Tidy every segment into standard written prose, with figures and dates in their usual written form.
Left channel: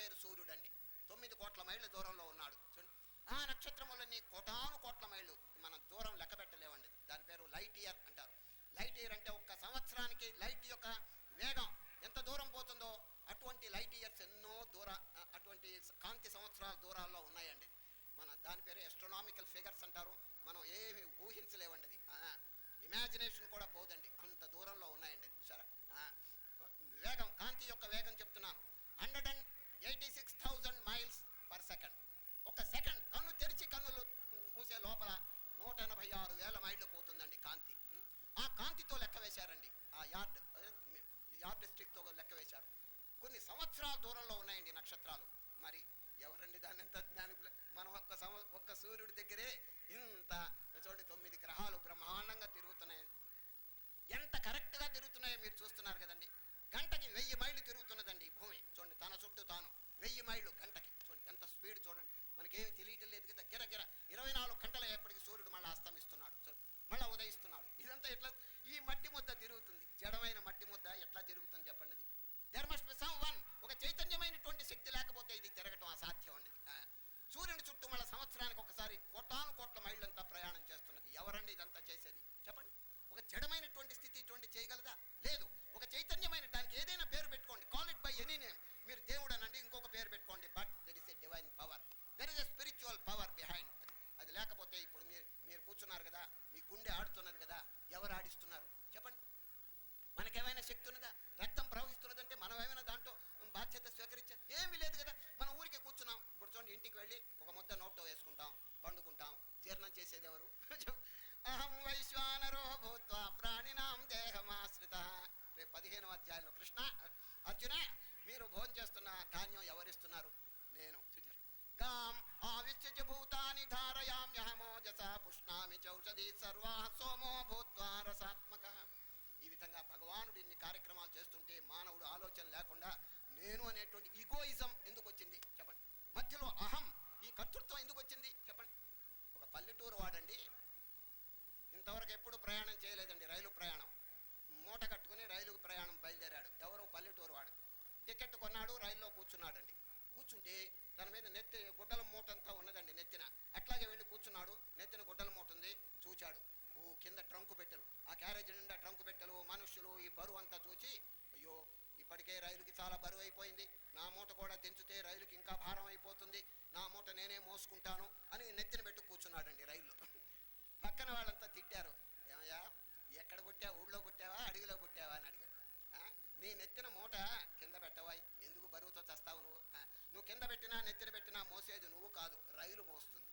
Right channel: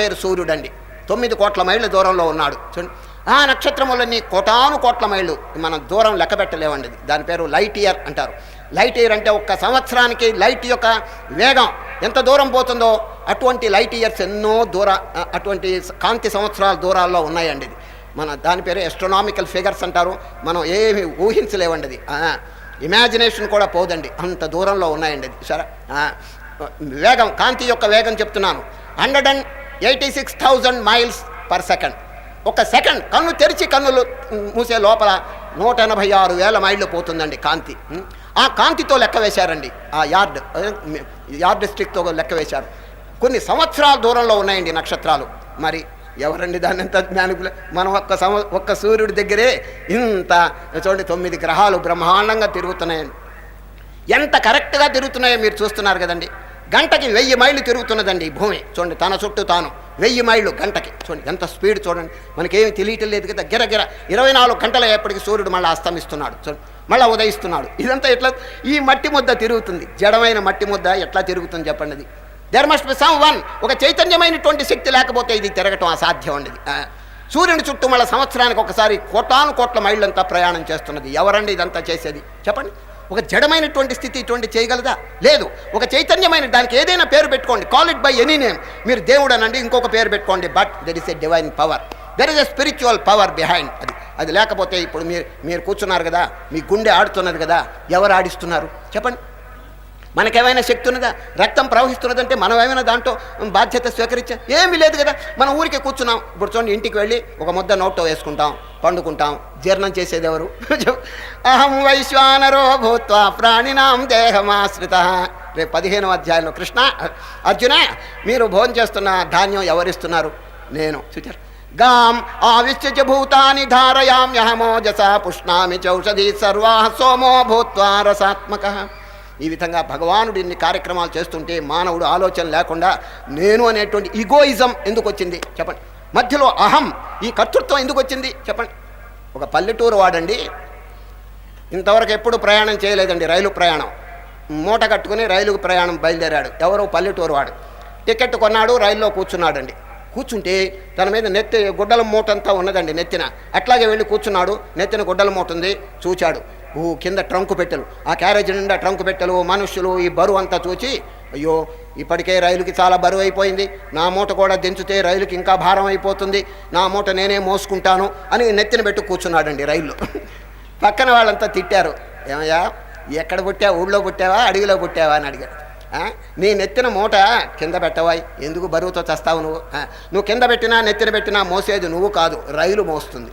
పేరు సూర్యుడండి. 9 కోట్ల మైళ్ళ దూరంలో ఉన్నాడు చూడండి. ఆ నక్షత్రములన్నీ కోటాను కోట్ల మైళ్ళు మనం దూరం లెక్క పెట్టలేవండి. దాని పేరు లైట్ ఇయర్ అంటారు. లైట్ ఇయర్ అంటే ఒక్క సంవత్సరానికి లైట్ యొక్క వేగం ఎంత దూరం పోతుందో అటువంటి లైట్ ఇయర్స్ ఎన్నో అటువంటి కాంతి సంవత్సరాల దూరాల్లో ఉన్నాయండి. ఇది దాని పేరు ఎస్ట్రోనామికల్ ఫిగర్స్ అంటారు. మనం ఏమి ఊహించలేవండి. అది ఇమాజినేషన్ కూడా పోదండి, అంత దూరంలో ఉన్నాయండి. అది సరే, వేగం కాంతి యొక్క వేగం చెప్తున్నాను. 186,000 మైల్స్ పర్ సెకండ్. ఒక సెకండ్ కన్ను తెరిచి కన్నులు మూసే లోపల 186,000 మైళ్ళు పోతుందండి కాంతి. ఆ కాంతితో లెక్క వేశారండి. ఆ యార్డ్ స్టిక్తో లెక్క వేశారు. కొన్ని సంవత్సరాల దూరంలో ఉన్నాయండి నక్షత్రాలు. మరి ఎవరండి దాన్ని ఎంత మనం ఒక్క సూర్యుడి దగ్గరే ఇంత చూడండి 9 గ్రహాలు బ్రహ్మాండంగా తిరుగుతున్నాయండి. ఎంత కరెక్ట్గా తిరుగుతున్నాయో మీరు చూస్తున్నారు కదండి. గంటకి 1000 మైళ్ళు తిరుగుతున్నదండి భూమి. చూడండి తన చుట్టూ తాను 1000 మైళ్ళు గంటకి. చూడండి ఎంత స్పీడ్ చూడండి. మనకేమి తెలియటం లేదు కదా. గిరగిర 24 గంటల ఎప్పటికి సూర్యుడు మళ్ళీ అస్తమిస్తున్నాడు, చూడండి మళ్ళీ ఉదయిస్తున్నాడు. ఇదంతా ఎట్లా ఈ మట్టి ముద్ద తిరుగుతుంది? జడమైన మట్టి ముద్ద ఎట్లా తిరుగుతుంది చెప్పండి. అది there must be some one. ఒక చైతన్యమైనటువంటి శక్తి లేకపోతే ఇది తిరగటం అసాధ్యం అండి. సూర్యుని చుట్టూ మళ్ళీ సంవత్సరానికి ఒకసారి కోటాను కోట్ల మైళ్ళంతా ప్రయాణం చేస్తున్నది. ఎవరండి ఇదంతా చేసేది చెప్పండి? ఒక జడమైనటువంటి స్థితి ఇటువంటి చేయగలదా? లేదు. ఒక చైతన్యమైన దానికి ఏదైనా పేరు పెట్టుకోండి, call it by any name. మీరు దేవుడు అనండి, ఇంకొక పేరు పెట్టుకోండి, but there is a divine power, there is a spiritual power behind. అది లేకపోతే ఇప్పుడు మీరు కూర్చున్నారు కదా, మీ గుండె ఆడుతున్నది కదా, ఎవరు ఆడిస్తున్నారు చెప్పండి? మనకేమైనా శక్తి ఉన్నదా? రక్తం ప్రవహిస్తున్నదంటే మనం ఏమైనా దాంట్లో బాధ్యత స్వీకరించా? ఏమీ లేదు కదా. మనం ఊరికే కూర్చున్నాం. ఇప్పుడు చూడండి, ఇంటికి వెళ్ళి ఒక ముద్ద నోట్లో వేసుకుంటాం, పండుకుంటాం. జీర్ణం చేసేది ఎవరు? అహం వైశ్వానరో భూత్వా ప్రాణినాం దేహమాశ్రిత. రేపు 15వ అధ్యాయంలో కృష్ణ అర్జున మీరు భోజనం చేస్తున్న ధాన్యం ఎవరిస్తున్నారు? నేను. చూచారు, గాం ఆవిశ్య భూతాని ధారయామ్యహమోజసా పుష్ణామి చౌషధి సర్వా సోమో భూత్వా రసాత్మక. ఈ విధంగా భగవానుడు ఇన్ని కార్యక్రమాలు చేస్తుంటే మానవుడు ఆలోచన లేకుండా నేను అనేటువంటి ఈగోయిజం ఎందుకు వచ్చింది చెప్పండి? మధ్యలో అహం, ఈ కర్తృత్వం ఎందుకు వచ్చింది చెప్పండి? ఒక పల్లెటూరు వాడండి, ఇంతవరకు ఎప్పుడు ప్రయాణం చేయలేదండి, రైలు ప్రయాణం. మూట కట్టుకుని రైలుకు ప్రయాణం బయలుదేరాడు. ఎవరో పల్లెటూరు వాడు. టికెట్ కొన్నాడు, రైల్లో కూర్చున్నాడండి. కూర్చుంటే తన మీద నెత్తి గుడ్డల మూట అంతా ఉన్నదండి నెత్తిన. అట్లాగే వెళ్ళి కూర్చున్నాడు, నెత్తిన గుడ్డల మూట ఉంది. చూచాడు, కింద ట్రంకు పెట్టెలు, ఆ క్యారేజ్ నిండా ట్రంకు పెట్టెలు, మనుషులు, ఈ బరువు అంతా చూచి అయ్యో ఇప్పటికే రైలుకి చాలా బరువు అయిపోయింది, నా మూట కూడా దించితే రైలుకి ఇంకా భారం అయిపోతుంది, నా మూట నేనే మోసుకుంటాను అని నెత్తిన పెట్టి కూర్చున్నాడండి రైల్లో. పక్కన వాళ్ళంతా తిట్టారు, ఏమయ్యా ఎక్కడ పుట్టావా, ఊళ్ళో పుట్టావా అడవిలో పుట్టావా అని అడిగాడు. నీ నెత్తిన మూట కింద పెట్టవా, ఎందుకు బరువుతో చస్తావు నువ్వు కింద పెట్టినా నెత్తిన పెట్టినా మోసేది నువ్వు కాదు, రైలు మోస్తుంది,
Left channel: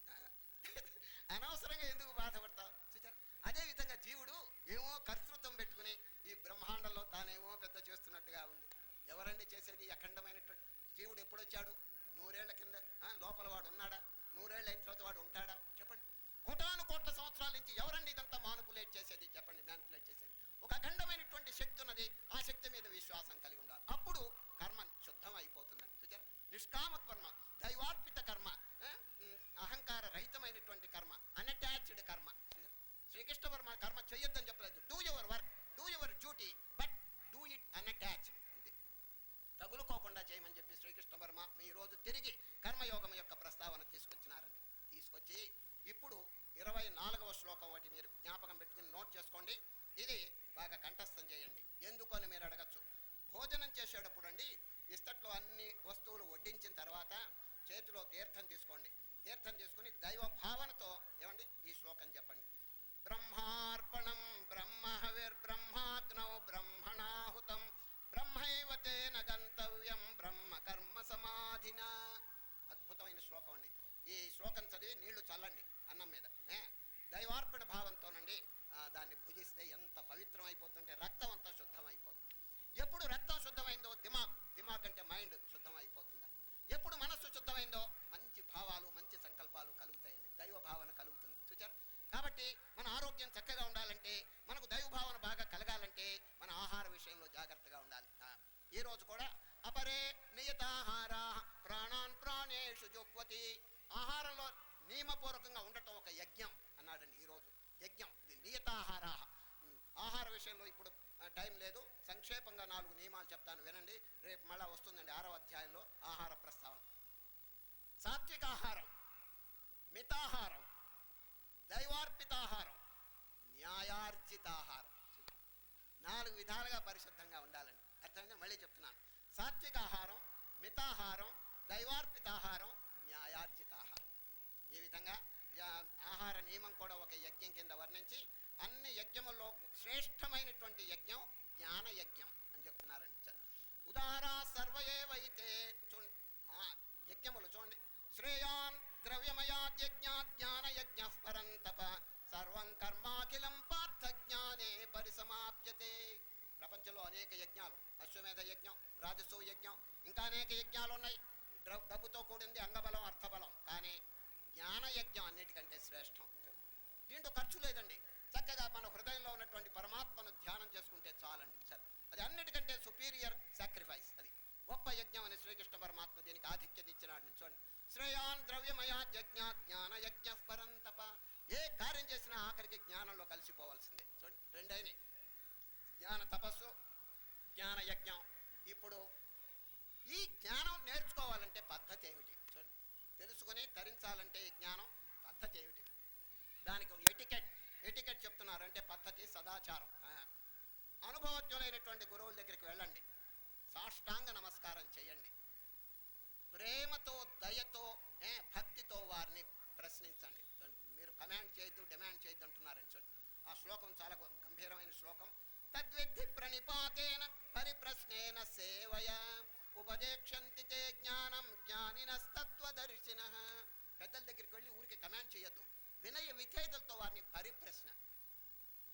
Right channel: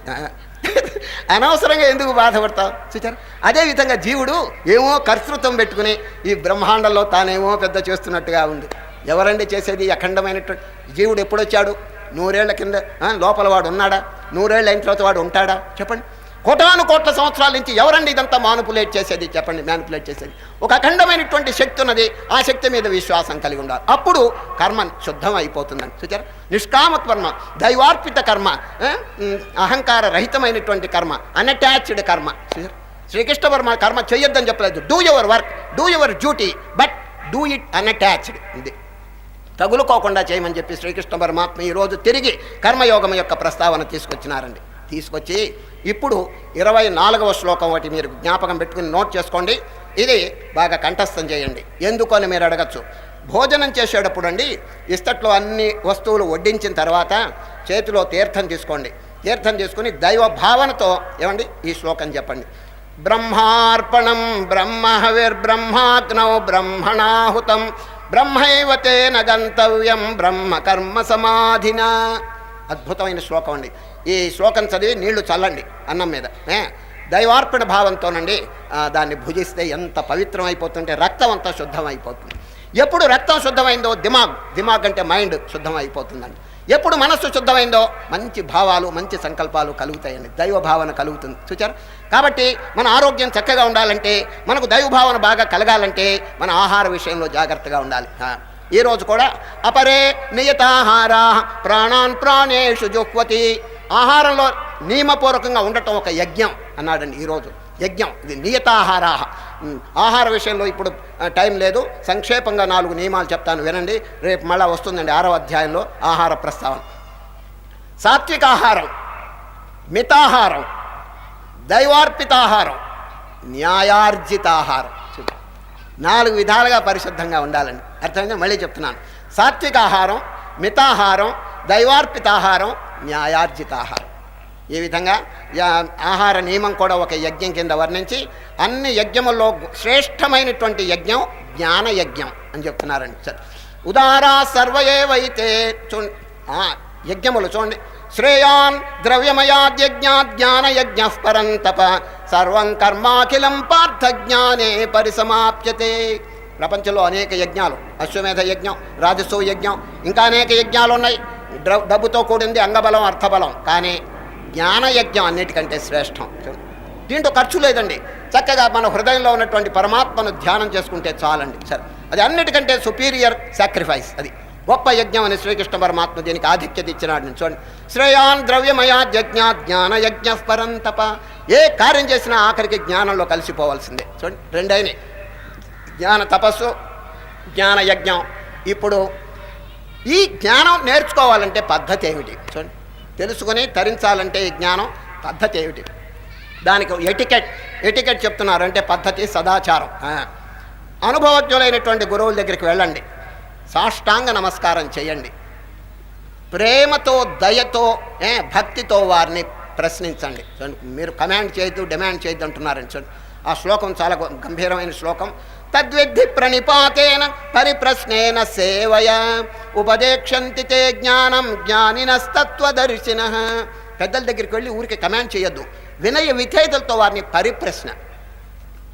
అనవసరంగా ఎందుకు బాధపడతావు? చూచారు, అదేవిధంగా జీవుడు ఏమో కర్తృత్వం పెట్టుకుని ఈ బ్రహ్మాండంలో తానేమో పెద్ద చేస్తున్నట్టుగా ఉంది. ఎవరండి చేసేది? అఖండమైనటువంటి జీవుడు ఎప్పుడొచ్చాడు? 100 ఏళ్ల కింద లోపల వాడు ఉన్నాడా? 100 ఏళ్ళు అయిన తర్వాత వాడు ఉంటాడా చెప్పండి? కోటాను కోట్ల సంవత్సరాల నుంచి ఎవరండి ఇదంతా మ్యానిపులేట్ చేసేది చెప్పండి? మ్యానిపులేట్ చేసేది ఒక అఖండమైనటువంటి శక్తి ఉన్నది. ఆ శక్తి మీద విశ్వాసం కలిగి ఉండాలి. అప్పుడు కర్మ శుద్ధం అయిపోతుందని చూచారు. నిష్కామ కర్మ, దైవార్పిత కర్మ, అహంకార రహితమైనటువంటి కర్మ, అన్అటాచ్డ్ కర్మ. శ్రీకృష్ణ వర్మ కర్మ చేయొద్దని చెప్పలేదు. Do your work, do your duty, but do it unattached. ఇది తగులుకోకుండా చేయమని చెప్పి శ్రీకృష్ణ పరమాత్మ ఈరోజు తిరిగి కర్మయోగం యొక్క ప్రస్తావన తీసుకొచ్చినారండి. తీసుకొచ్చి ఇప్పుడు 24వ శ్లోకం ఒకటి మీరు జ్ఞాపకం పెట్టుకుని నోట్ చేసుకోండి. ఇది బాగా కంఠస్థం చేయండి. ఎందుకు అని మీరు అడగచ్చు. భోజనం చేసేటప్పుడు అండి ఇస్తట్లో అన్ని వస్తువులు వడ్డించిన తర్వాత చేతిలో తీర్థం తీసుకోండి. తీర్థం తీసుకుని దైవ భావనతో ఏమండి ఈ శ్లోకం చెప్పండి. బ్రహ్మార్పణం బ్రహ్మహవిర్బ్రహ్మాగ్నౌ బ్రహ్మణాహుతం బ్రహ్మైవతేన గంతవ్యం బ్రహ్మ కర్మ సమాధినా. అద్భుతమైన శ్లోకం అండి. ఈ శ్లోకం చదివి నీళ్లు చల్లండి అన్నం మీద. దైవార్పణ భావంతోనండి దాన్ని భుజిస్తే ఎంత పవిత్రం అయిపోతుంటే రక్తం అంతా శుద్ధం అయిపోతుంది. ఎప్పుడు రక్తం శుద్ధమైందో దిమాగ్ అంటే మైండ్ శుద్ధం అయిపోతుందండి. ఎప్పుడు మనస్సు శుద్ధమైందో మంచి భావాలు మంచి సంకల్పాలు కలుగుతాయండి, దైవ భావన కలుగుతుంది. చూచారు. కాబట్టి మన ఆరోగ్యం చక్కగా ఉండాలంటే, మనకు దైవ భావన బాగా కలగాలంటే మన ఆహార విషయంలో జాగ్రత్తగా ఉండాలి. ఈరోజు కూడా అపరే నియతాహారా ప్రాణాన్ ప్రాణేషు జుహ్వతి. ఆహారంలో నియమపూర్వకంగా ఉండటం ఒక యజ్ఞం అన్నాడండి. ఈరోజు యజ్ఞం ఇది. నియతాహారా ఆహార విషయంలో ఇప్పుడు టైం లేదు, సంక్షేపంగా 4 నియమాలు చెప్తాను వినండి. రేపు మళ్ళా వస్తుందండి 6వ అధ్యాయంలో ఆహార ప్రస్తావన. సాత్వికాహారం, మితాహారం, దైవార్పితాహారం, న్యాయార్జితాహారం. 4 విధాలుగా పరిశుద్ధంగా ఉండాలండి. అర్థమైందా? మళ్ళీ చెప్తున్నాను. సాత్వికాహారం, మితాహారం, దైవార్పితాహారం, న్యాయార్జితాహారం. ఈ విధంగా ఆహార నియమం కూడా ఒక యజ్ఞం కింద వర్ణించి అన్ని యజ్ఞముల్లో శ్రేష్టమైనటువంటి యజ్ఞం జ్ఞాన యజ్ఞం అని చెప్తున్నారండి. సరే, ఉదారా సర్వయేవైతే యజ్ఞములు చూడండి. శ్రేయాన్ ద్రవ్యమయాద్యజ్ఞాత్ జ్ఞానయజ్ఞ పరంతప సర్వం కర్మాఖిలం పార్థ జ్ఞానే పరిసమాప్యతే. ప్రపంచంలో అనేక యజ్ఞాలు, అశ్వమేధ యజ్ఞం, రాజసూ యజ్ఞం, ఇంకా అనేక యజ్ఞాలు ఉన్నాయి. డబ్బుతో కూడింది అంగబలం, అర్థబలం. కానీ జ్ఞానయజ్ఞం అన్నిటికంటే శ్రేష్టం. దీంట్లో ఖర్చు లేదండి. చక్కగా మన హృదయంలో ఉన్నటువంటి పరమాత్మను ధ్యానం చేసుకుంటే చాలండి. సరే, అది అన్నిటికంటే సుపీరియర్ సాక్రిఫైస్. అది గొప్ప యజ్ఞం అని శ్రీకృష్ణ పరమాత్మ దీనికి ఆధిక్యత ఇచ్చినాడు. చూడండి, శ్రేయాన్ ద్రవ్యమయాద్యజ్ఞ జ్ఞానయజ్ఞ పరంతప. ఏ కార్యం చేసినా ఆఖరికి జ్ఞానంలో కలిసిపోవాల్సిందే. చూడండి, 2 అయినాయి, జ్ఞాన తపస్సు, జ్ఞాన యజ్ఞం. ఇప్పుడు ఈ జ్ఞానం నేర్చుకోవాలంటే పద్ధతి ఏమిటి? చూడండి, తెలుసుకొని తరించాలంటే ఈ జ్ఞానం పద్ధతి ఏమిటి? దానికి ఎటికెట్ చెప్తున్నారు. అంటే పద్ధతి, సదాచారం. అనుభవజ్ఞులైనటువంటి గురువుల దగ్గరికి వెళ్ళండి, సాష్టాంగ నమస్కారం చేయండి, ప్రేమతో, దయతో, భక్తితో వారిని ప్రశ్నించండి. చూడండి, మీరు కమాండ్ చేయొద్దు, డిమాండ్ చేయొద్దు అంటున్నారని. చూడండి, ఆ శ్లోకం చాలా గంభీరమైన శ్లోకం. తద్విద్ధి ప్రణిపాతేన పరిప్రశ్నేన సేవయ ఉపదేక్షంతి తే జ్ఞానం జ్ఞానినస్తత్వదర్శిన. పెద్దల దగ్గరికి వెళ్ళి ఊరికి కమాండ్ చేయొద్దు, వినయ విధేయతలతో వారిని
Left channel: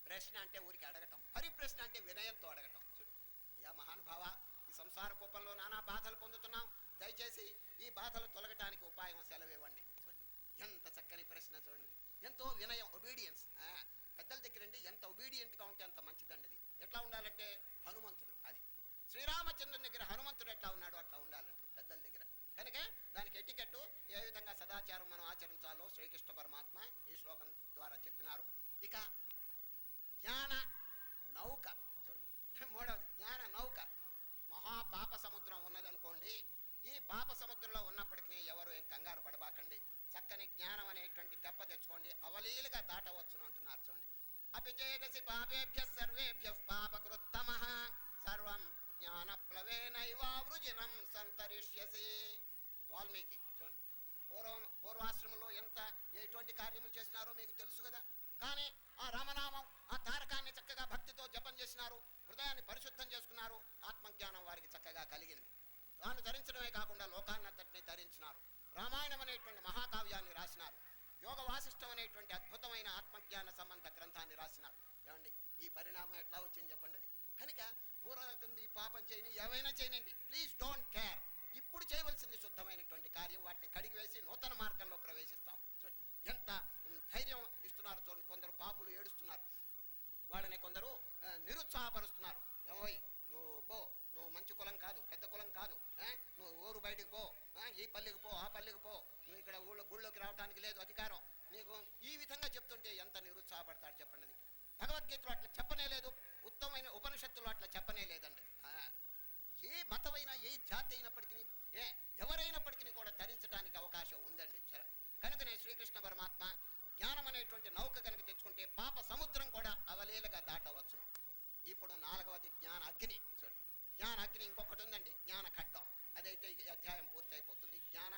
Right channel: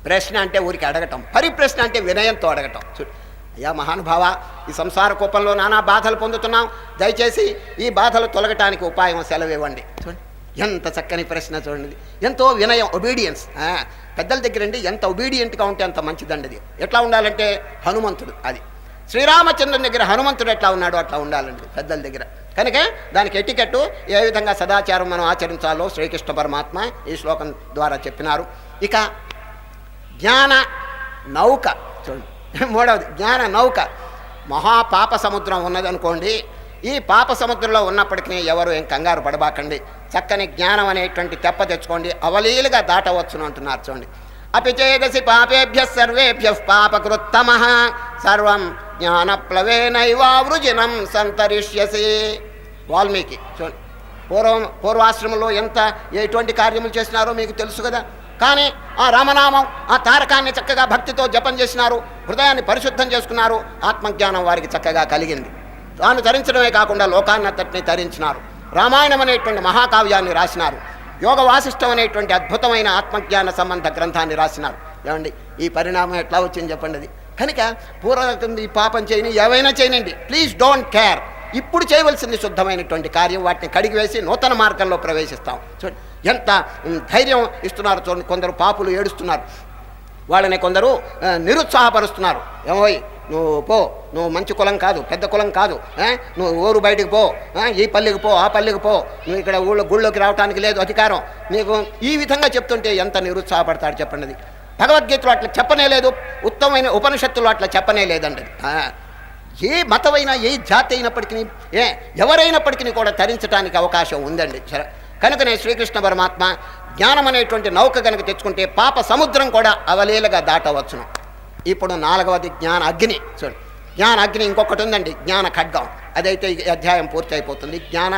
ప్రశ్న అంటే ఊరికి అడగటం, పరిప్రశ్న అంటే వినయంతో అడగటం. అయ్యా మహానుభావ, ఈ సంసార కూపంలో నానా బాధలు పొందుతున్నాం, దయచేసి ఈ బాధలు తొలగటానికి ఉపాయం సెలవివ్వండి. చూడండి, ఎంత చక్కని ప్రశ్న. చూడండి, ఎంతో వినయం, ఒబీడియన్స్. పెద్దల దగ్గర అండి ఎంత ఒబీడియంట్గా ఉంటే అంత మంచిదండి. అది ఎట్లా ఉండాలంటే హనుమంతుడు, అది శ్రీరామచంద్రుని దగ్గర హనుమంతుడు ఎట్లా ఉన్నాడో అట్లా ఉండాలండి పెద్దల దగ్గర. కనుక దానికి ఎటికెట్టు, ఏ విధంగా సదాచారం మనం ఆచరించాలో శ్రీకృష్ణ పరమాత్మ ఈ శ్లోకం ద్వారా చెప్పినారు. ఇక జ్ఞాన నౌక చూడండి, 3వది జ్ఞాన నౌక. మహాపాప సముద్రం ఉన్నదనుకోండి, ఈ పాప సముద్రంలో ఉన్నప్పటికీ ఎవరు ఏం కంగారు పడబాకండి. చక్కని జ్ఞానం అనేటువంటి తెప్ప తెచ్చుకోండి, అవలీలుగా దాటవచ్చును అంటున్నారు. చూడండి, అపిచేదసి పాపేభ్య సర్వేభ్య పాపకృత్తమః సర్వం జ్ఞానప్లవేనైవావృజినం సంతరిష్యసి. వాల్మీకి చూడండి, పూర్వాశ్రమంలో ఎటువంటి కార్యములు చేసినారో మీకు తెలుసు కదా. కానీ ఆ రామనామం, ఆ తారకాన్ని చక్కగా భక్తితో జపం చేసినారు, హృదయాన్ని పరిశుద్ధం చేసుకున్నారు, ఆత్మజ్ఞానం వారికి చక్కగా కలిగింది. తాను తరించడమే కాకుండా లోకాన్నంతటిని తరించినారు. రామాయణం అనేటువంటి మహాకావ్యాన్ని రాసినారు. యోగ వాసిష్టం అనేటువంటి అద్భుతమైన ఆత్మజ్ఞాన సంబంధ గ్రంథాన్ని రాసినారు. ఏమండి, ఈ పరిణామం ఎట్లా వచ్చింది చెప్పండి. అది కనుక పూర్వం ఈ పాపం చేయని ఏవైనా చేయనండి, ప్లీజ్ డోంట్ కేర్. ఇప్పుడు చేయవలసింది శుద్ధమైనటువంటి కార్యం, వాటిని కడిగి వేసి నూతన మార్గంలో ప్రవేశిస్తాం. చూడండి, ఎంత ధైర్యం ఇస్తున్నారు. చూడండి, కొందరు పాపులు ఏడుస్తున్నారు, వాళ్ళని కొందరు నిరుత్సాహపరుస్తున్నారు. ఏమోయ్, నువ్వు పో, నువ్వు మంచి కులం కాదు, పెద్ద కులం కాదు, నువ్వు ఊరు బయటికి పో, ఈ పల్లెకి పో, ఆ పల్లెకి పో, నువ్వు ఇక్కడ గుళ్ళోకి రావడానికి లేదు అధికారం నీకు. ఈ విధంగా చెప్తుంటే ఎంత నిరుత్సాహపడతాడు చెప్పండి. భగవద్గీతలో అట్లా చెప్పనే లేదు, ఉత్తమమైన ఉపనిషత్తులు అట్లా చెప్పనే లేదండి. ఏ మతమైనా, ఏ జాతి అయినప్పటికీ, ఎవరైనప్పటికీ కూడా తరించడానికి అవకాశం ఉందండి. సరే, కనుకనే శ్రీకృష్ణ పరమాత్మ జ్ఞానం అనేటువంటి నౌక కనుక తెచ్చుకుంటే పాప సముద్రం కూడా అవలీలగా దాటవచ్చును. ఇప్పుడు 4వది జ్ఞాన అగ్ని. చూడండి, జ్ఞాన అగ్ని ఇంకొకటి ఉందండి, జ్ఞాన ఖడ్గం. అదైతే ఈ అధ్యాయం పూర్తి అయిపోతుంది. జ్ఞాన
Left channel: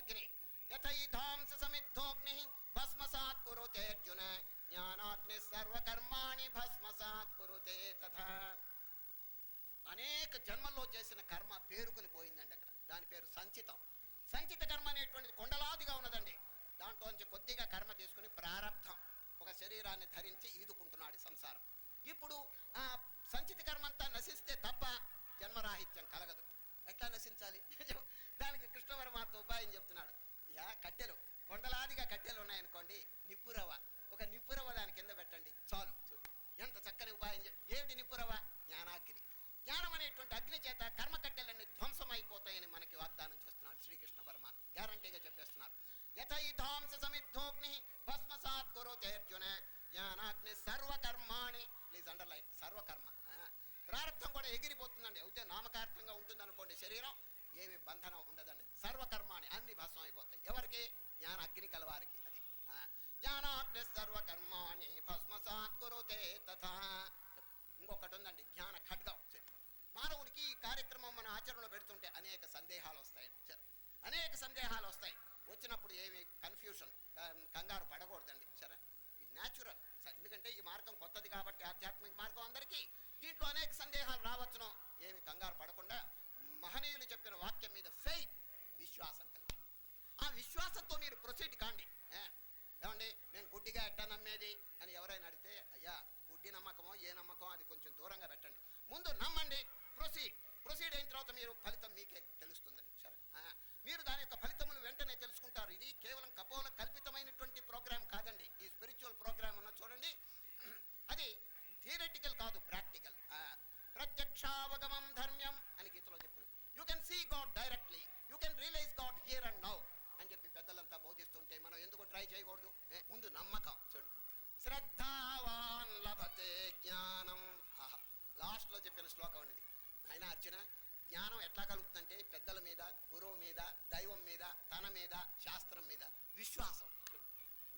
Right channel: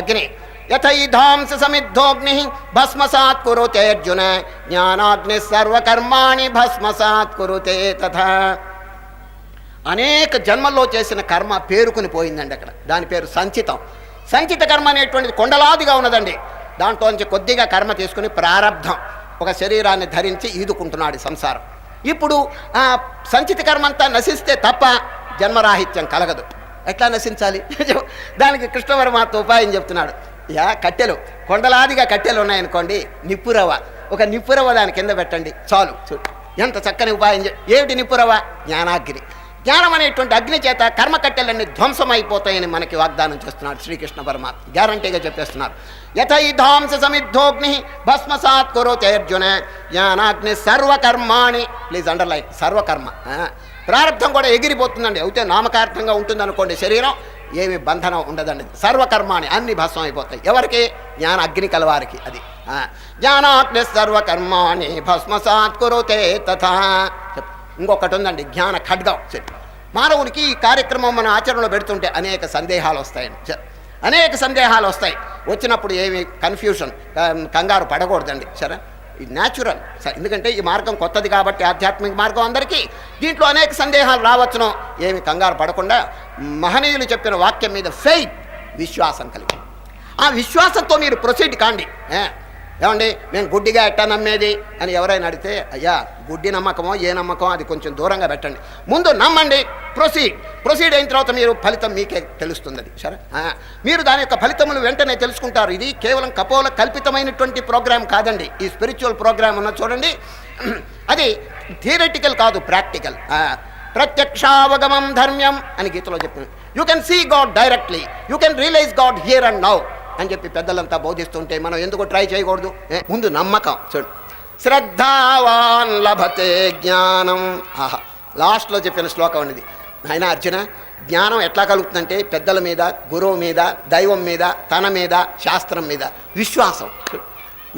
అగ్ని యథైధాంస సమిద్ధోగ్ని భస్మసాత్ కురుతే అర్జున జ్ఞానాగ్ని సర్వకర్మాణి భస్మసాత్ కురుతే తథా. అనేక జన్మల్లో చేసిన కర్మ పేరుకుని పోయిందండి అక్కడ. దాని పేరు సంచితం. సంచిత కర్మ అనేటువంటిది కొండలాదిగా ఉన్నదండి. దాంట్లో నుంచి కొద్దిగా కర్మ తీసుకుని ప్రారబ్ధం ఒక శరీరాన్ని ధరించి ఈదుకుంటున్నాడు సంసారం. ఇప్పుడు ఆ సంచిత కర్మ అంతా నశిస్తే తప్ప జన్మరాహిత్యం కలగదు. ఎట్లా నశించాలి? దానికి కృష్ణ పరమాత్మ ఉపాయం చెప్తున్నాడు. కట్టెలు, కొండలాదిగా కట్టెలు ఉన్నాయనుకోండి, నిప్పురవ, ఒక నిప్పురవ దాని కింద పెట్టండి చాలు. ఎంత చక్కని ఉపాయం. ఏమిటి నిప్పురవ? జ్ఞానాగ్ని. జ్ఞానం అనేటువంటి అగ్ని చేత కర్మకట్టెలన్నీ ధ్వంసమైపోతాయని మనకి వాగ్దానం చేస్తున్నాడు శ్రీకృష్ణ పరమాత్మ. గ్యారంటీగా చెప్పేస్తున్నారు. యథైధాంస సమిద్ధోగ్ని భస్మసాత్ కురుతే అర్జున జ్ఞానాగ్ని సర్వకర్మాణి. Please underline, సర్వకర్మ. ప్రారంభం కూడా ఎగిరిపోతుందండి. అయితే నామకార్థంగా ఉంటుంది అనుకోండి, శరీరం ఏమి బంధనం ఉండదండి. సర్వకర్మాని అన్ని భస్మం అయిపోతాయి. ఎవరికి? జ్ఞాన అగ్ని కలవారికి. అది జ్ఞానాగ్ని సర్వకర్మాణి భస్మసాత్ కురుతే తథా. ఇంకొకటి ఉందండి, జ్ఞాన ఖడ్గం. మానవునికి ఈ కార్యక్రమం మన ఆచరణలో పెడుతుంటే అనేక సందేహాలు వస్తాయండి. అనేక సందేహాలు వస్తాయి. వచ్చినప్పుడు ఏమి కన్ఫ్యూషన్, కంగారు పడకూడదండి. సరే, ఇది న్యాచురల్. ఎందుకంటే ఈ మార్గం కొత్తది కాబట్టి, ఆధ్యాత్మిక మార్గం అందరికీ. దీంట్లో అనేక సందేహాలు రావచ్చును. ఏమి కంగారు పడకుండా మహనీయులు చెప్పిన వాక్యం మీద ఫెయిత్, విశ్వాసం కలిగి ఆ విశ్వాసంతో మీరు ప్రొసీడ్ కాండి. ఏమండి నేను గుడ్డిగా ఎట్టా నమ్మేది అని ఎవరైనా అడిగితే, అయ్యా గుడ్డి నమ్మకమో ఏ నమ్మకమో అది కొంచెం దూరంగా పెట్టండి. ముందు నమ్మండి, ప్రొసీడ్ అయిన తర్వాత మీరు ఫలితం మీకే తెలుస్తుంది. అది సరే, మీరు దాని యొక్క ఫలితములు వెంటనే తెలుసుకుంటారు. ఇది కేవలం కపోల కల్పితమైనటువంటి ప్రోగ్రామ్ కాదండి. ఈ స్పిరిచువల్ ప్రోగ్రామ్ ఉన్న చూడండి, అది థియరిటికల్ కాదు, ప్రాక్టికల్. ప్రత్యక్షావగమం ధర్మ్యం అని గీతలో చెప్తుంది. You can see God directly, you can realize God here and now అని చెప్పి పెద్దలంతా బోధిస్తుంటే మనం ఎందుకు ట్రై చేయకూడదు? ముందు నమ్మకం. చూడు, శ్రద్ధావాన్ లభతే జ్ఞానం. ఆహా, లాస్ట్లో చెప్పిన శ్లోకం అనేది. ఆయన అర్జున, జ్ఞానం ఎట్లా కలుగుతుందంటే పెద్దల మీద, గురువు మీద, దైవం మీద, తన మీద, శాస్త్రం మీద విశ్వాసం.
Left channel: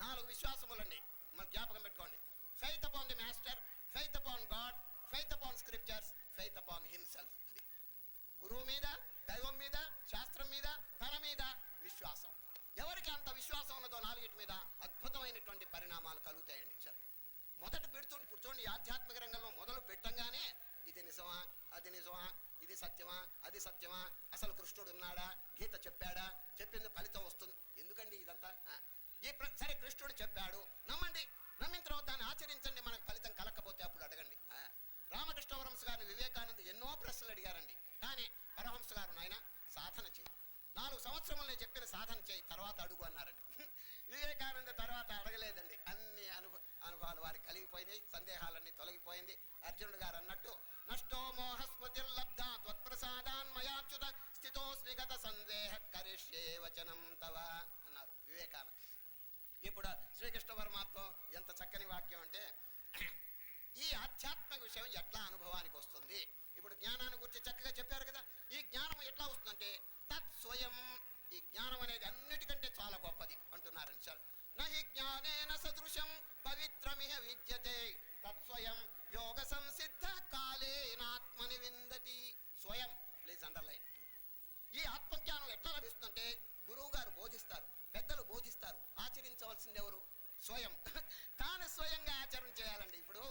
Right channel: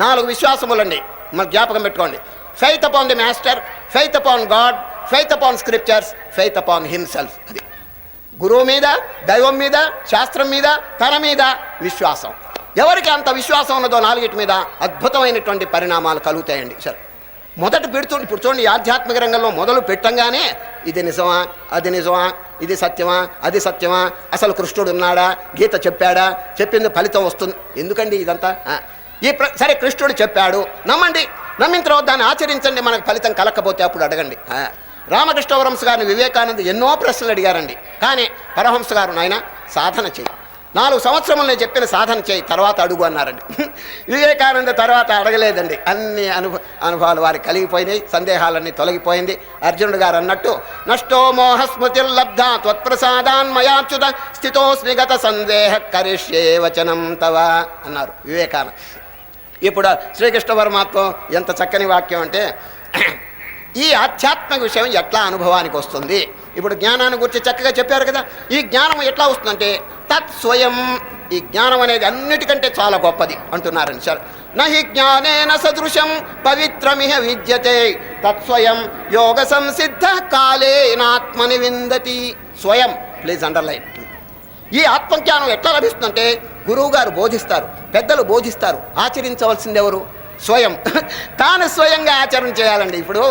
4 విశ్వాసములండి, మన జ్ఞాపకం పెట్టుకోండి. Faith upon the master, faith upon God, faith upon scriptures, faith upon himself. అది గురువు మీద, దైవం మీద, శాస్త్రం మీద, తన మీద విశ్వాసం. ఎవరికి అంత విశ్వాసం ఉన్నదో 4 మీద అద్భుతమైనటువంటి పరిణామాలు కలుగుతాయండి. సరే, మొదట పెడుతుంది. ఇప్పుడు చూడండి, ఆధ్యాత్మిక రంగంలో మొదలు పెట్టంగానే ఇది నిజమా, అది నిజమా, ఇది సత్యమా, అది సత్యమా, అసలు కృష్ణుడు ఉన్నాడా, గీత చెప్పాడా, చెప్పింది ఫలితం వస్తుంది. ఎందుకండి ఇదంతా? సరే, కృష్ణుడు చెప్పాడు, నమ్మండి. నమ్మిన తర్వాత దాన్ని ఆచరించండి. మనకు ఫలితం కలకపోతే అప్పుడు అడగండి. రామకృష్ణ పరమహంస గారిని వివేకానంద ఎన్నో ప్రశ్నలు అడిగారండి. కానీ పరమహంస గారు, నాయన సాధన చేయి, 4 సంవత్సరములు నేను చెప్పిన సాధన చేయి, తర్వాత అడుగు అన్నారండి. వివేకానంద తర్వాత అడగలేదండి. అన్ని అనుభవాలు వారికి కలిగిపోయినాయి, సందేహాలన్నీ తొలగిపోయింది. అర్జునుడు గారు అన్నట్టు, నష్టో మోహస్మృతిర్లబ్ధ త్వత్ప్రసాదాన్మయాచ్యుత స్థితోస్మి గత సందేహ కరిష్యే వచనం తవ అన్నారు వివేకానంద. ఇప్పుడు శ్రీకృష్ణ పరమాత్మ ఎంత చక్కని వాక్యం అంటే, ఈ ఆధ్యాత్మిక విషయం ఎట్లా అనుభవానికి వస్తుంది? ఇప్పుడు జ్ఞానాన్ని గురించి చక్కగా చెప్పారు కదా. ఈ జ్ఞానం ఎట్లా వస్తుందంటే తత్స్వయం. ఈ జ్ఞానం అనేది అన్నిటికంటే చాలా గొప్పది అంటున్నారండి సార్. నహి జ్ఞానేన సదృశం పవిత్రమిహ విద్యతే తత్స్వయం యోగ సంసిద్ధ కాలేనాత్మని విందతి. స్వయం, ప్లీజ్ అండర్లైన్. ఈ ఆత్మజ్ఞానం ఎట్లా లభిస్తుందంటే గురువు గారు బోధిస్తారు, పెద్దలు బోధిస్తారు. ఆచరించవలసింది ఎవరు? స్వయం. తాను స్వయంగా ఆచరణ చేయాలండి. ఇప్పుడు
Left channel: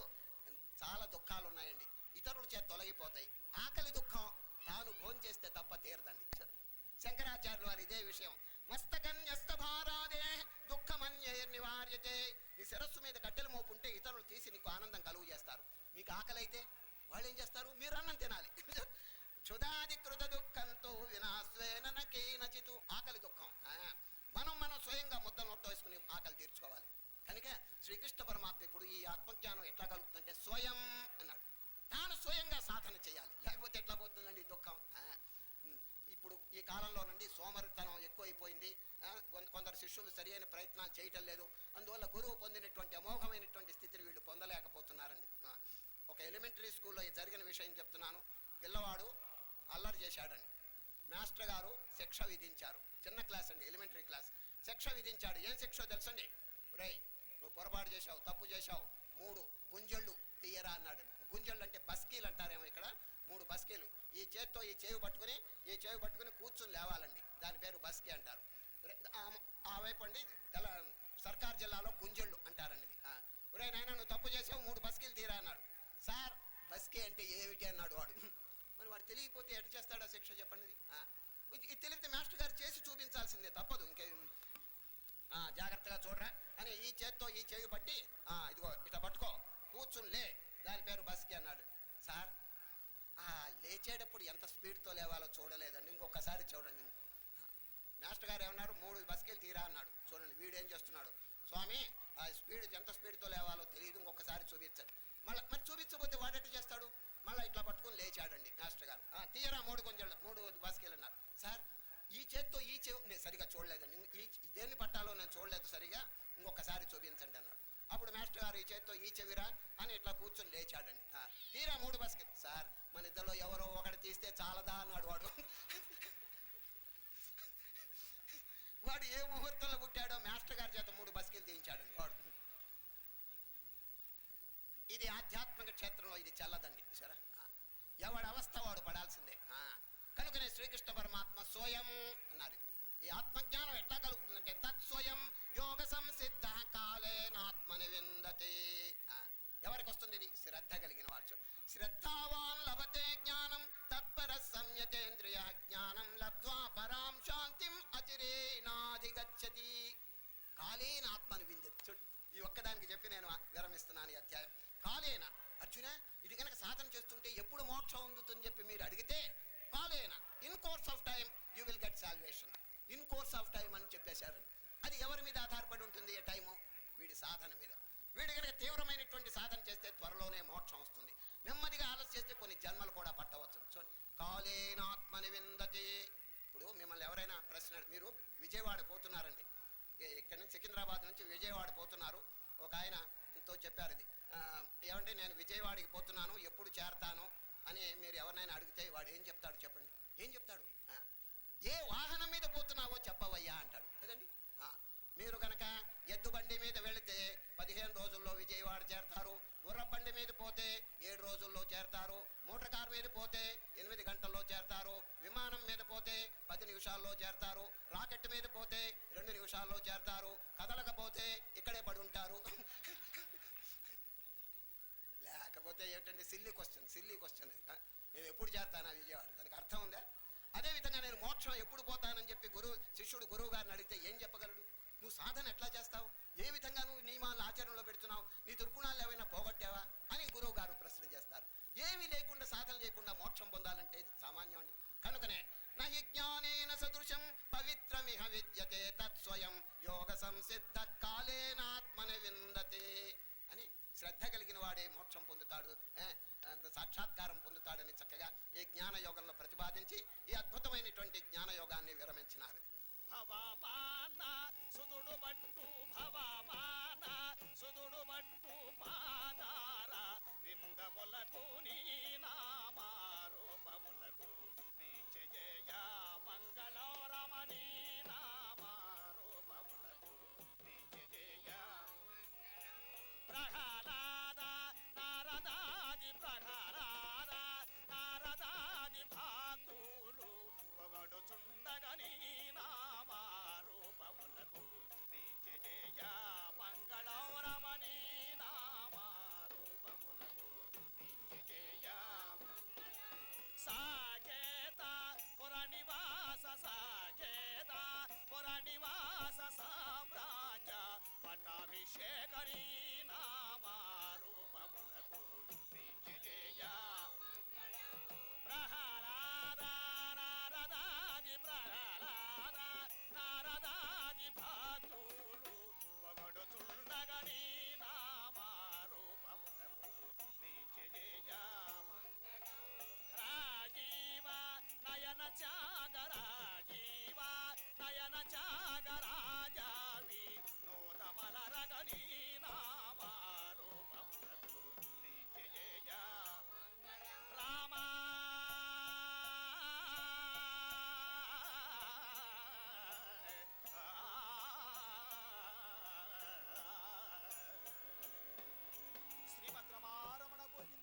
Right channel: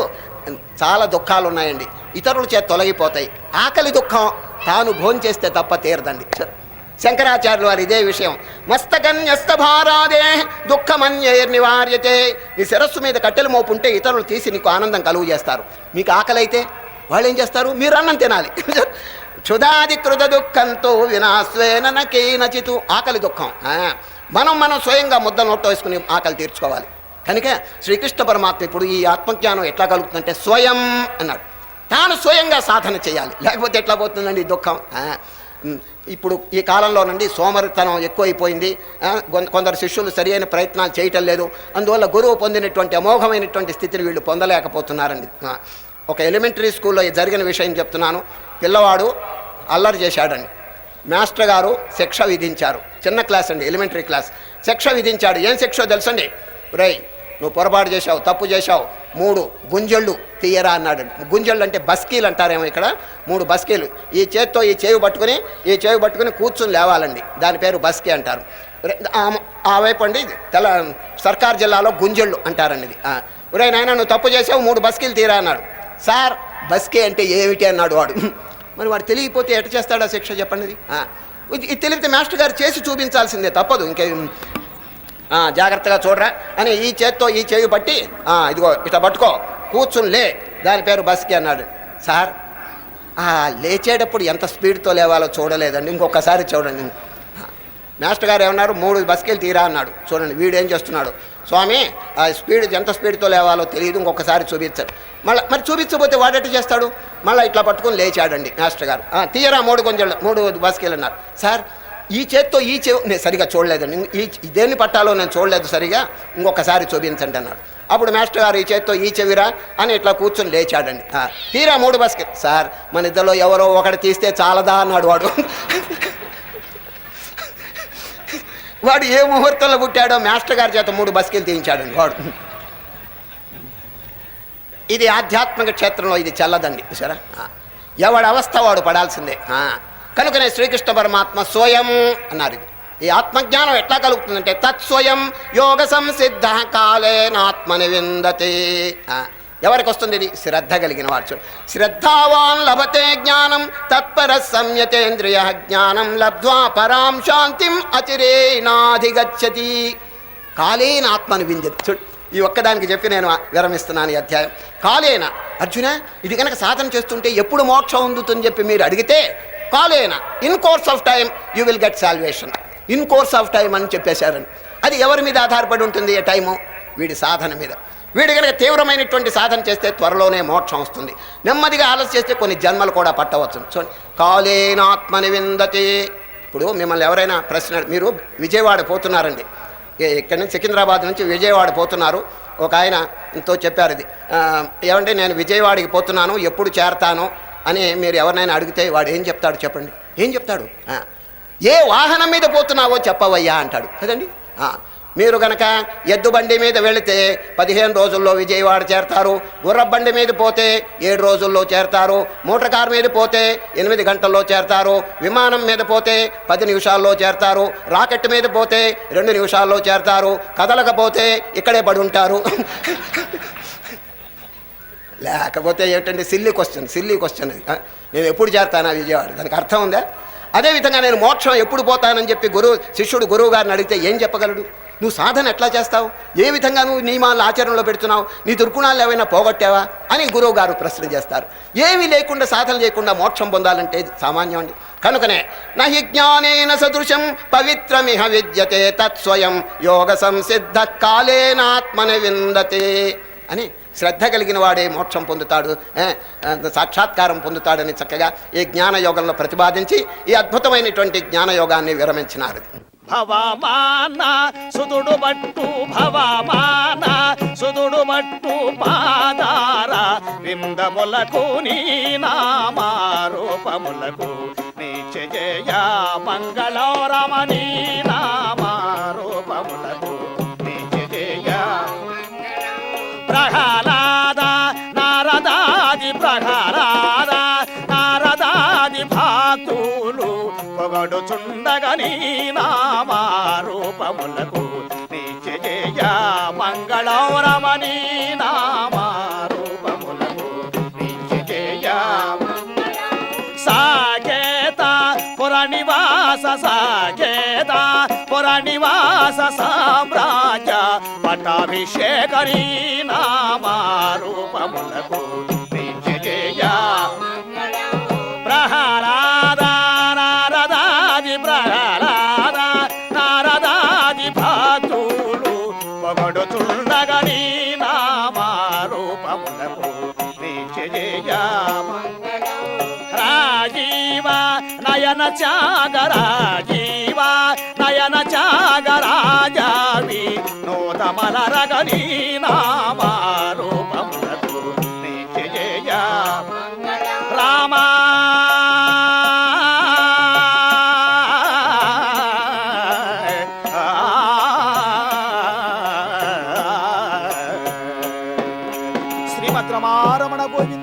చాలా దుఃఖాలు ఉన్నాయండి, ఇతరుల చేత తొలగిపోతాయి. ఆకలి దుఃఖం తాను భోంచేస్తే తప్ప తీరదండి. శంకరాచార్యులు వారు ఇదే విషయం, మస్తకన్యస్త భారాదే దుఃఖమన్యైర్నివార్యతే. నీ శిరస్సు మీద కట్టెలు మోపుంటే ఇతరులు తీసి నీకు ఆనందం కలుగు చేస్తారు. మీకు ఆకలి అయితే వాళ్ళు ఏం చేస్తారు? మీరు అన్నం తినాలి. క్షుధాది కృత దుఃఖంతో వినాశ్వేన నకేనచితు. ఆకలి దుఃఖం మనం స్వయంగా ముద్ద నోట్లో వేసుకుని ఆకలి తీర్చుకోవాలి. కనుక శ్రీకృష్ణ పరమాత్మ ఇప్పుడు ఈ ఆత్మజ్ఞానం ఎట్లా కలుగుతుందంటే స్వయం అన్నాడు. తాను స్వయంగా సాధన చేయాలి, లేకపోతే ఎట్లా పోతుందండి దుఃఖం. ఇప్పుడు ఈ కాలంలో నుండి సోమరితనం ఎక్కువైపోయింది. కొందరు శిష్యులు సరి అయిన ప్రయత్నాలు చేయటం లేదు. అందువల్ల గురువు పొందినటువంటి అమోఘమైనటువంటి స్థితిని వీళ్ళు పొందలేకపోతున్నారండి. ఒక ఎలిమెంటరీ స్కూల్లో జరిగిన విషయం చెప్తున్నాను. పిల్లవాడు అల్లరి చేశాడండి. మాస్టర్ గారు శిక్ష విధించారు. చిన్న క్లాస్ అండి, ఎలిమెంటరీ క్లాస్. శిక్ష విధించాడు. ఏం శిక్ష తెలుసండి? రై, నువ్వు పొరపాటు చేశావు, తప్పు చేశావు, 3 గుంజళ్ళు తీయరా అన్నాడు. గుంజళ్ళు అంటే బస్కీలు అంటారేమో ఇక్కడ. 3 బస్కీలు ఈ చేత్తో ఈ చేయి పట్టుకుని కూర్చుని లేవాలండి. దాని పేరు బస్కీ అంటారు. ఆ వైపు అండి సర్కార్ జిల్లాలో గుంజళ్ళు అంటారండి ఇది. ఒరే నాయన, నువ్వు తప్పు చేసావు, 3 బస్కీలు తీరా అన్నాడు. సార్, బస్కీ అంటే ఏమిటి అన్నాడు వాడు. మరి వాడు తెలియకపోతే ఎట చేస్తాడా శిక్ష చెప్పండి? ఇది తెలిపితే మాస్టర్ గారు చేసి చూపించాల్సిందే, తప్పదు. ఇంకే జాగ్రత్తగా చూడరా అని ఈ చేత్తో ఈ చేయి పట్టి, ఇదిగో ఇట్లా పట్టుకో, కూర్చుని లే, దాని పేరు బస్కి అన్నాడు. సార్, లేచేటప్పుడు ఎంత స్పీడ్తో లేవాలో చూడలేదండి, ఇంకొకసారి చూడండి. మాస్టర్ గారు ఏమన్నారు, 3 బస్కెళ్ళి తీరా అన్నాడు. చూడండి వీడేం చేస్తున్నాడు. స్వామి ఆ స్పీడ్ ఎంత స్పీడ్తో లేవాలో తెలియదు, ఇంకొకసారి చూపించాడు. మరి చూపించకపోతే వాడెట్టు చేస్తాడు? మళ్ళీ ఇట్లా పట్టుకొని లేచాడండి మాస్టర్ గారు. తీయరా 3 బస్కెళ్ళి అన్నారు. సార్ ఈ చేత్తో ఈ చెవి నేను సరిగా చూడలేదండి, దేన్ని పట్టాలో నేను చూడలేదు సరిగా, ఇంకొకసారి చూపించండి అన్నాడు. అప్పుడు మాస్టర్ గారు ఈ చేత్తో ఈ చెవిరా అని ఇట్లా కూర్చొని లేచాడండి. తీరా 3 బస్కెళ్ళి. సార్ మన ఇద్దరిలో ఎవరో ఒకటి తీస్తే చాలదా అన్నాడు వాడు. వాడు ఏ ముహూర్తంలో పుట్టాడో మాస్టర్ గారి చేత 3 బస్కెళ్ళి తీయించాడండి వాడు. ఇది ఆధ్యాత్మిక క్షేత్రంలో ఇది చెల్లదండి. సరే, ఎవడి అవస్థ వాడు పడాల్సిందే. కనుకనే శ్రీకృష్ణ పరమాత్మ స్వయం అన్నారు. ఈ ఆత్మజ్ఞానం ఎట్లా కలుగుతుందంటే తత్స్వయం యోగ సంసిద్ధ కాలేనాత్మని విందతే. ఎవరికి వస్తుంది ఇది? శ్రద్ధ కలిగిన వాడు. శ్రద్ధావాన్ లభతే జ్ఞానం తత్పర సంయతేంద్రియ జ్ఞానం లబ్ధ్వా పరాం శాంతిం అచిరేనాధిగచ్చతి కాలేన ఆత్మను విందతి. చూడు, ఈ ఒక్కదానికి చెప్పి నేను విరమిస్తున్నాను ఈ అధ్యాయం. కాలేన అర్జున, ఇది కనుక సాధన చేస్తుంటే ఎప్పుడు మోక్షం ఉందుతుందని చెప్పి మీరు అడిగితే, కాలేన in course of time you will get salvation. In course of time అని చెప్పేశారని. అది ఎవరి మీద ఆధారపడి ఉంటుంది? ఏ టైము? వీడి సాధన మీద. వీడు కనుక తీవ్రమైనటువంటి సాధన చేస్తే త్వరలోనే మోక్షం వస్తుంది. నెమ్మదిగా ఆలస్యం చేస్తే కొన్ని జన్మలు కూడా పట్టవచ్చు. చూడండి, కాలేనాత్మని విందతి. ఇప్పుడు మిమ్మల్ని ఎవరైనా ప్రశ్న, మీరు విజయవాడ పోతున్నారండి, ఇక్కడి నుంచి సికింద్రాబాద్ నుంచి విజయవాడ పోతున్నారు. ఒక ఆయనతో చెప్పారు ఇది, ఏమంటే నేను విజయవాడకి పోతున్నాను, ఎప్పుడు చేరతాను అని మీరు ఎవరినైనా అడిగితే వాడు ఏం చెప్తాడు చెప్పండి? ఏం చెప్తాడు? ఏ వాహనం మీద పోతున్నావో చెప్పవయ్యా అంటాడు కదండి. మీరు కనుక ఎద్దు బండి మీద వెళితే 15 రోజుల్లో విజయవాడ చేరతారు. గుర్ర బండి మీద పోతే 7 రోజుల్లో చేరతారు. మోటార్ కార్ మీద పోతే 8 గంటల్లో చేరతారు. విమానం మీద పోతే 10 నిమిషాల్లో చేరతారు. రాకెట్ మీద పోతే 2 నిమిషాల్లో చేరతారు. కదలకపోతే ఇక్కడే పడి ఉంటారు. లేకపోతే ఏమిటండి? Silly question. నేను ఎప్పుడు చేరతానా విజయవాడ? దానికి అర్థం ఉందా? అదేవిధంగా నేను మోక్షం ఎప్పుడు పోతానని చెప్పి శిష్యుడు గురువు గారిని అడిగితే ఏం చెప్పగలడు? నువ్వు సాధన ఎట్లా చేస్తావు? ఏ విధంగా నువ్వు నియమాలను ఆచరణలో పెడుతున్నావు? నీ దుర్గుణాలు ఏమైనా పోగొట్టావా అని గురువు గారు ప్రశ్న చేస్తారు. ఏమీ లేకుండా సాధన చేయకుండా మోక్షం పొందాలంటే సామాన్యం అండి. కనుకనే నహి జ్ఞానేన సదృశం పవిత్రమిహ విద్యతే తత్స్వయం యోగ సంసిద్ధ కాలేనాత్మని విందతే అని శ్రద్ధ కలిగిన వాడే మోక్షం పొందుతాడు, సాక్షాత్కారం పొందుతాడని చక్కగా ఈ జ్ఞానయోగంలో ప్రతిపాదించి ఈ అద్భుతమైనటువంటి జ్ఞానయోగాన్ని విరమించినారు. భవమాన సుదుడు బట్టు భవమాన సుదుడు బట్టు పాదార విందములకు నీ నామారూపములకు నీచ జయ మంగళరమణీ నామారూపములకు నీచ జయ ప్రహ్లాద నారదాది ప్రహ్లాద నారదాది భాతులు పొగడుచుండగని నామారూపములకు నీచ జయ మంగళరమణీ నామారూపములకు నీచ జయ సాకేత పురనివాస సాకేత పురనివాస సామ్రాజ్య పట్టాభిషేకరీ నామారూపములకు నీచ జయ ప్రహ్లాద నారదాది ప్రహ్లాద నారదాది భాతులు పొగడుచుండగని నామారూపములకు నీచ జయ రాజీవ నయన చాగరాజీవ నయన చాగరాజావి నోతమలరగని నామారూపములకు నీచ జయ రామా శ్రీమద్రమారమణ గోవింద.